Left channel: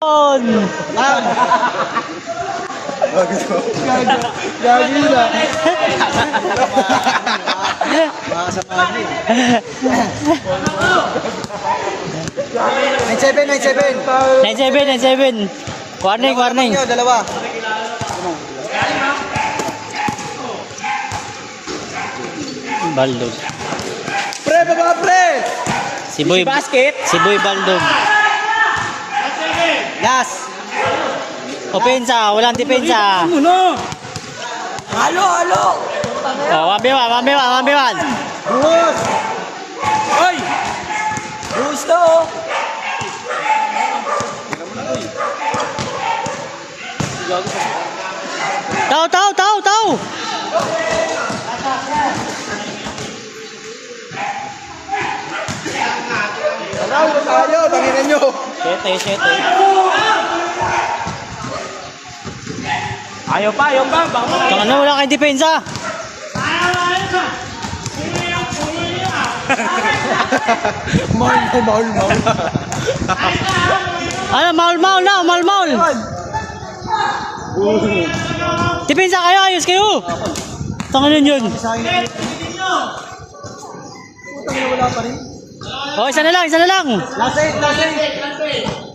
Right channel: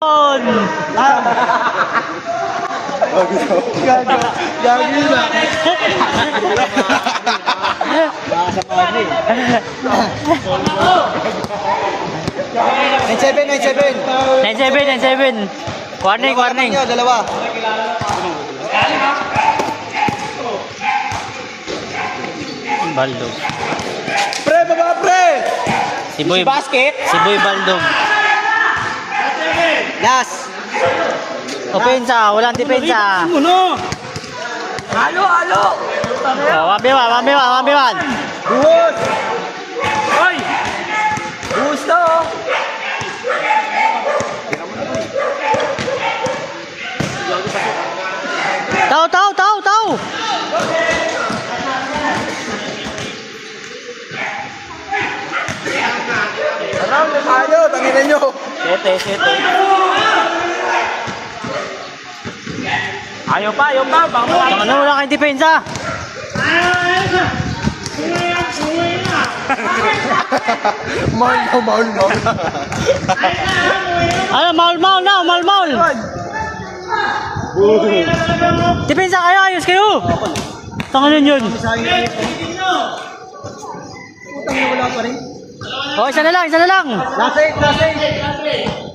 Lan! Gagi na. Nakasama niyo eh. 97. Warning. Dalawa. Baldog. Pre, baba pre! Si Boy Baldog. Last. Opensa, walang depensa. Halo! Oh, 1v1. Buhos! Ay! Buhos na oh! Tao. Taraw na tayo, tanginan nyo! Sete. Ayaw pa. Baka na wala kayong depensa. Maul. Ano, maul. Depensa kayo, ayos kayo. Tangan yun. Putang na wala pa rin. Oh, isa na lang. Last 8.